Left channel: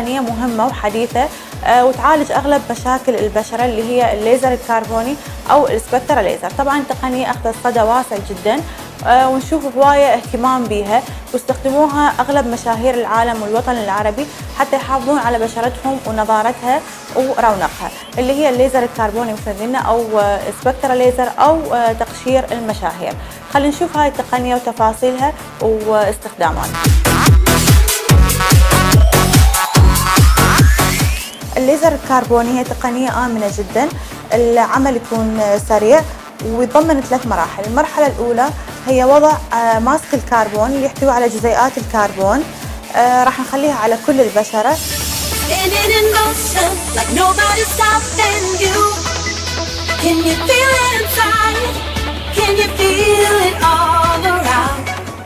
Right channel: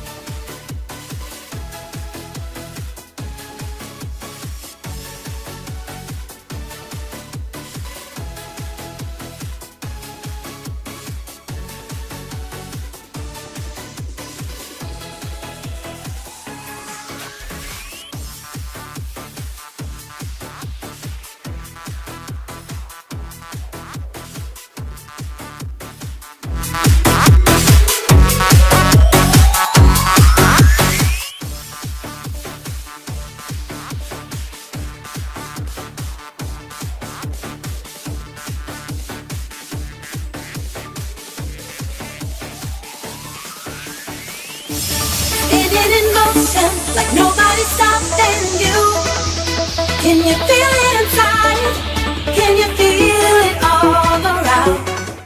تقنية مهمة وحديثة وتعالج أغلب مشاكل البشرة اللي هي الليزر الكربوني أو السبكترا ليزر. طبعا تقنية أخذت صدى واسع جدا ونشوف هواية اهتمام بها، واستخدموها أغلب مشاهير العالم والوطن العربي حتى يحافظون على بشرتهم ونضارتها ورونقها، اللي هي الليزر الكربوني مثل قلنا أو سبكترا ليزر أو تقشير المشاهير. خلينا نشوف هاي التقنية وتفاصيلها واستخداماتها. الليزر الكربوني هي تقنية آمنة جدا، العمل يكون سريع ويتضمن 3 مراحل. المرحلة الأولى هي وضع ماسك الكربون اللي يحتوي على جزيئات الكربون، راح نخليها على كل البشرة.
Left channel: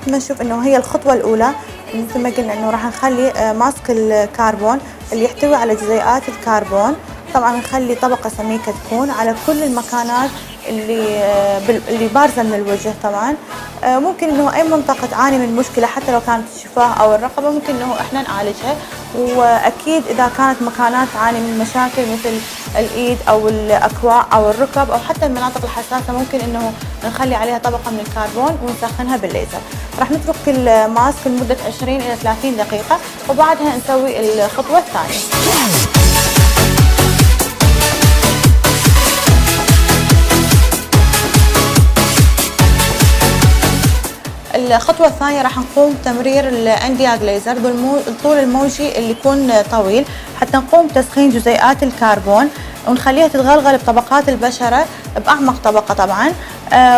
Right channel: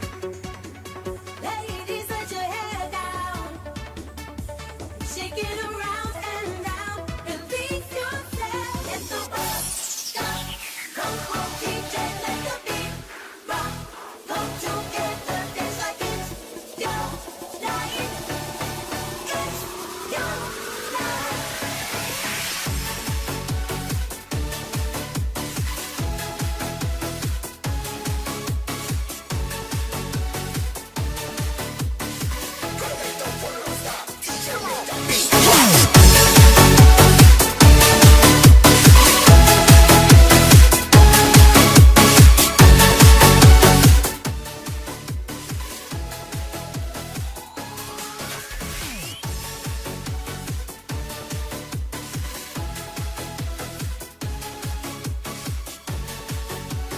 نشوف انه هي الخطوة الأولى مثل ما قلنا انه راح نخلي ماسك الكربون اللي يحتوي على جزيئات الكربون، طبعا نخلي طبقة سميكة تكون على كل المكانات اللي بارزة من الوجه. طبعا ممكن انه اي منطقة تعاني من مشكلة حتى لو كانت الشفاه او الرقبة ممكن انه احنا نعالجها، واكيد اذا كانت مكانات تعاني من مشاكل مثل الايد او الاكواع او الركب او حتى المناطق الحساسة ممكن انه نخلي عليها طبقة من الكربون ونسخنها بالليزر. راح نترك الماسك لمدة 20 الى 30 دقيقة وبعدها نسوي الخطوة الثانية. الخطوة الثانية راح نقوم بتمرير الاندياغ ليزر بالطول الموجي اللي يكون طويل حتى نقوم بتسخين جزيئات الكربون ونخليها تتغلغل بطبقات البشرة بأعمق طبقة طبعا.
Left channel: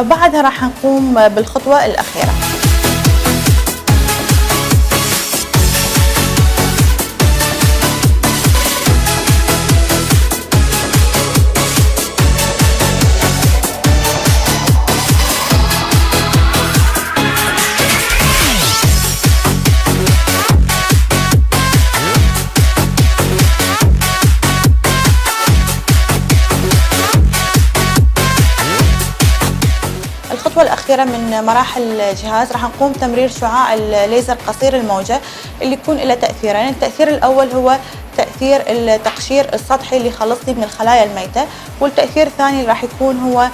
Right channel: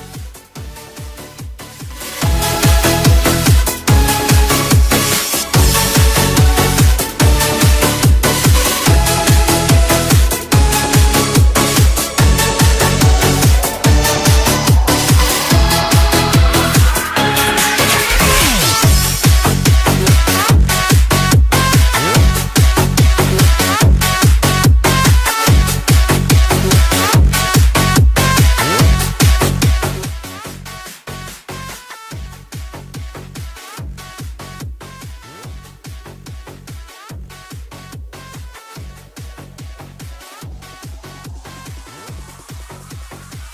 بعدها راح نقوم بالخطوة الأخيرة. الأخيرة من مراحل الجهاز راح نقوم بتمرير شعاع الليزر قصير الموجة اللي يكون له تأثيرين. التأثير الأول هو تأثير التقشير السطحي اللي يخلصني من الخلايا الميتة، والتأثير الثاني راح يكون هو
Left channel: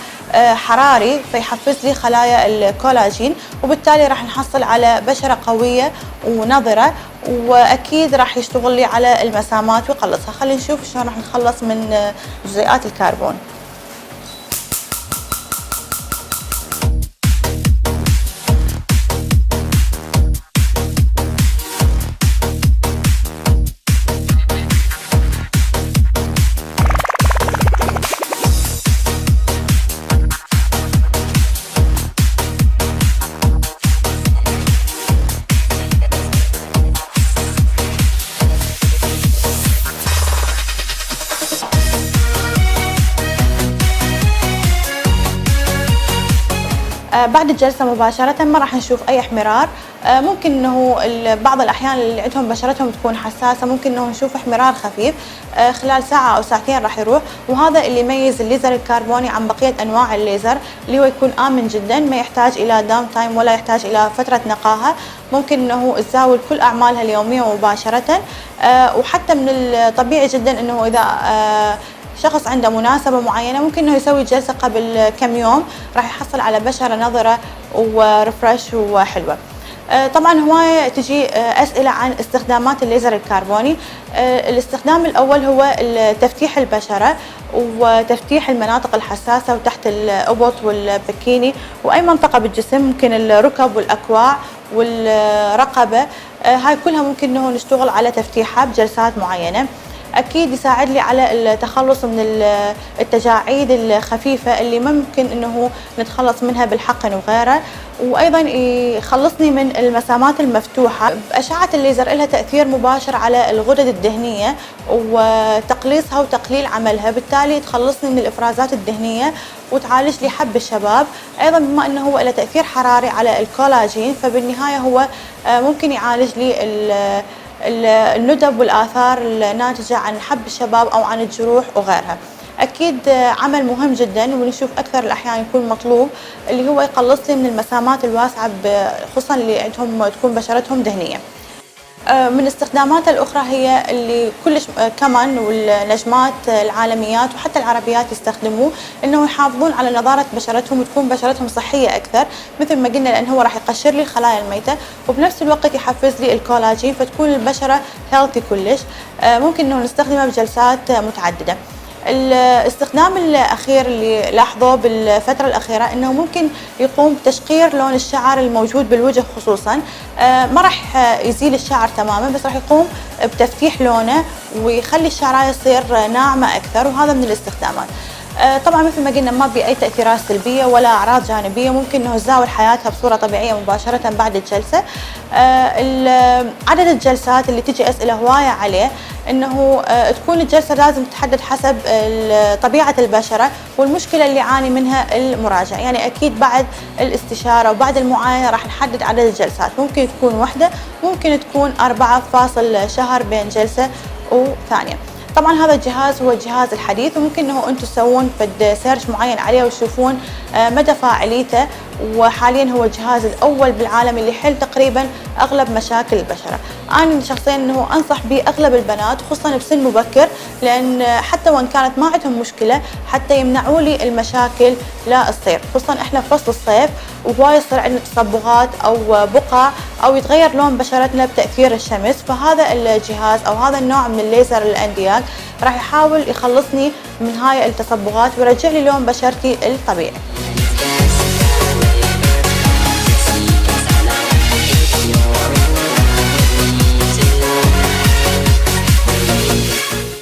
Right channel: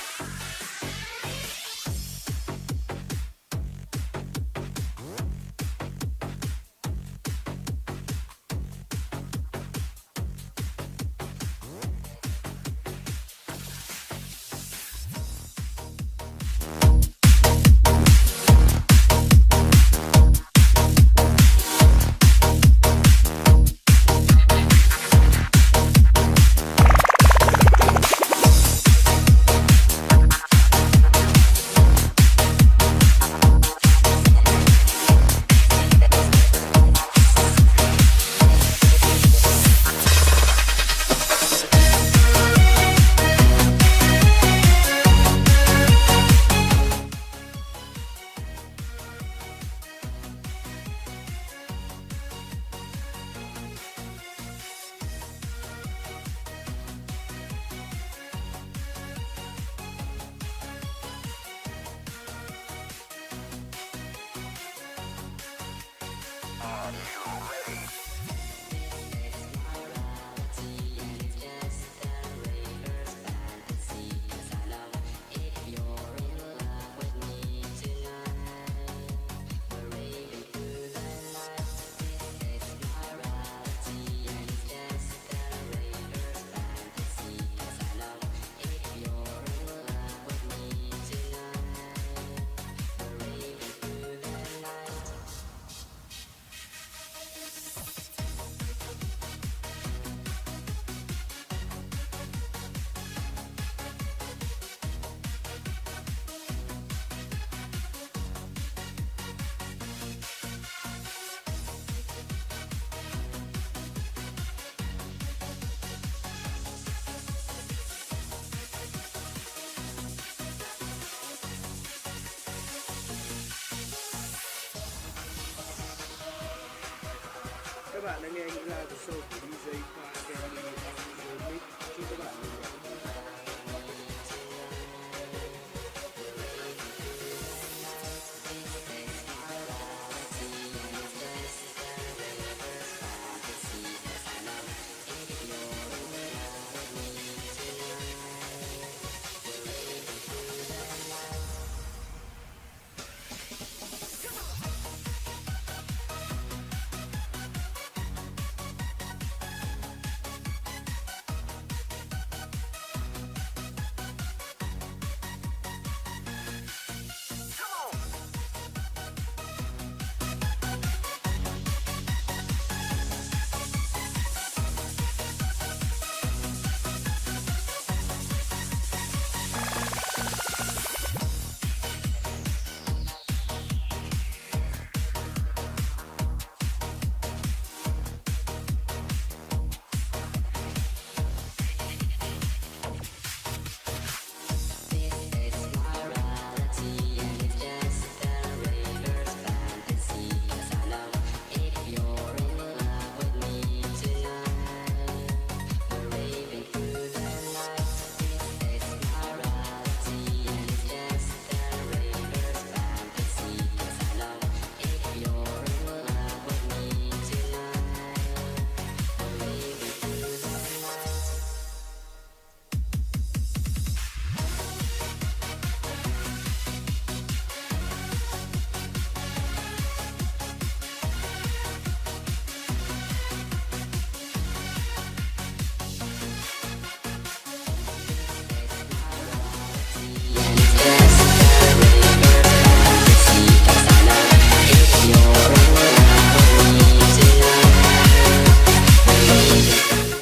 حراري فيحفز لي خلايا الكولاجين، وبالتالي راح نحصل على بشرة قوية ونضرة، وأكيد راح يشتغل لي على المسامات ويقلصها. خلينا نشوف شلون راح نخلص من جزيئات الكربون. بعد الجلسة مباشرة ما راح نشوف أي احمرار. ممكن أنه بعض الأحيان اللي عندهم بشرتهم تكون حساسة ممكن أنه نشوف احمرار خفيف خلال ساعة أو ساعتين راح يروح، وهذا اللي يميز الليزر الكربوني عن بقية أنواع الليزر اللي هو يكون آمن جدا، ما يحتاج إلى داون تايم ولا يحتاج إلى فترة نقاهة. ممكن أنه تزاول كل أعمالها اليومية مباشرة، وحتى من الطبيعي جدا أنه إذا شخص عنده مناسبة معينة ممكن انه يسوي جلسة قبل كم يوم راح يحصل على بشرة نضرة ورفرش وحلوة. طبعا هواية تجي أسئلة عن استخدامات الليزر الكربوني. الاستخدام الأول هو تفتيح البشرة وتفتيح المناطق الحساسة وتحت الأبط والبكيني وأي منطقة بالجسم، ممكن الركب والأكواع والرقبة، هاي كلها ممكن انه نشتغل على تفتيحها بجلسات معينة. أكيد يساعد لي على التخلص من التجاعيد الخفيفة اللي ممكن أنه نتخلص منها بالحقن وغيره، وأيضا يخلصني من المسامات المفتوحة. أشعة الليزر لها تأثير مباشر على الغدد الدهنية وتقليصها وتقليل عملها، بالتالي تخلصني من الإفرازات الدهنية وتعالج لي حب الشباب. أيضا بما أنه هو له تأثير حراري على الكولاجين فبالنهاية هو ممكن يعالج لي الندب والآثار الناتجة عن حب الشباب أو عن الجروح وغيرها. أكيد عمل مهم جدا ونشوف أكثر الأحيان يكون مطلوب اللي هو يقلص لي من المسامات الواسعة خصوصا اللي عندهم تكون بشرتهم دهنية. من استخداماتها الأخرى هي اللي كلش كمان والنجمات العالميات وحتى العربيات يستخدموه، إنه يحافظون على نضارة بشرتهم وتكون بشرتهم صحية أكثر، مثل ما قلنا لأن هو راح يقشر لي الخلايا الميتة وبنفس الوقت يحفز لي الكولاجين فتكون البشرة هيلثي كلش. ممكن إنه نستخدمه بجلسات متعددة. الاستخدام الأخير اللي لاحظوه بالفترة الأخيرة إنه ممكن يقوم بتشقير لون الشعر الموجود بالوجه خصوصاً. ما راح يزيل الشعر تماماً بس راح يقوم بتفتيح لونه ويخلي الشعراية تصير ناعمة أكثر، وهذا من الاستخدامات. طبعا مثل ما قلنا ما بي أي تأثيرات سلبية ولا أعراض جانبية، ممكن إنه تزاول حياتها بصورة طبيعية مباشرة بعد الجلسة. عدد الجلسات اللي تجي أسئلة هواية عليه إنه تكون الجلسة لازم تحدد حسب طبيعة البشرة والمشكلة اللي يعاني منها المراجع، يعني أكيد بعد الاستشارة وبعد المعاينة راح نحدد عدد الجلسات، ممكن تكون واحدة ممكن تكون 4 فاصل شهر بين جلسة وثانية. طبعا هذا الجهاز هو الجهاز الحديث وممكن انه انتم تسوون فد سيرش معين عليه وتشوفون مدى فاعليته، وحاليا هو الجهاز الاول بالعالم اللي يحل تقريبا اغلب مشاكل البشره. انا شخصيا انه انصح به اغلب البنات خصوصا بسن مبكر، لان حتى وان كانت ما عندهم مشكله حتى يمنعوا لي المشاكل لا تصير، خصوصا احنا في فصل الصيف وهواي يصير عندنا تصبغات او بقع او يتغير لون بشرتنا بتاثير الشمس، فهذا الجهاز او هذا النوع من الليزر الاندياك راح يحاول يخلصني من هاي التصبغات ويرجع لي لون بشرتي الطبيعي.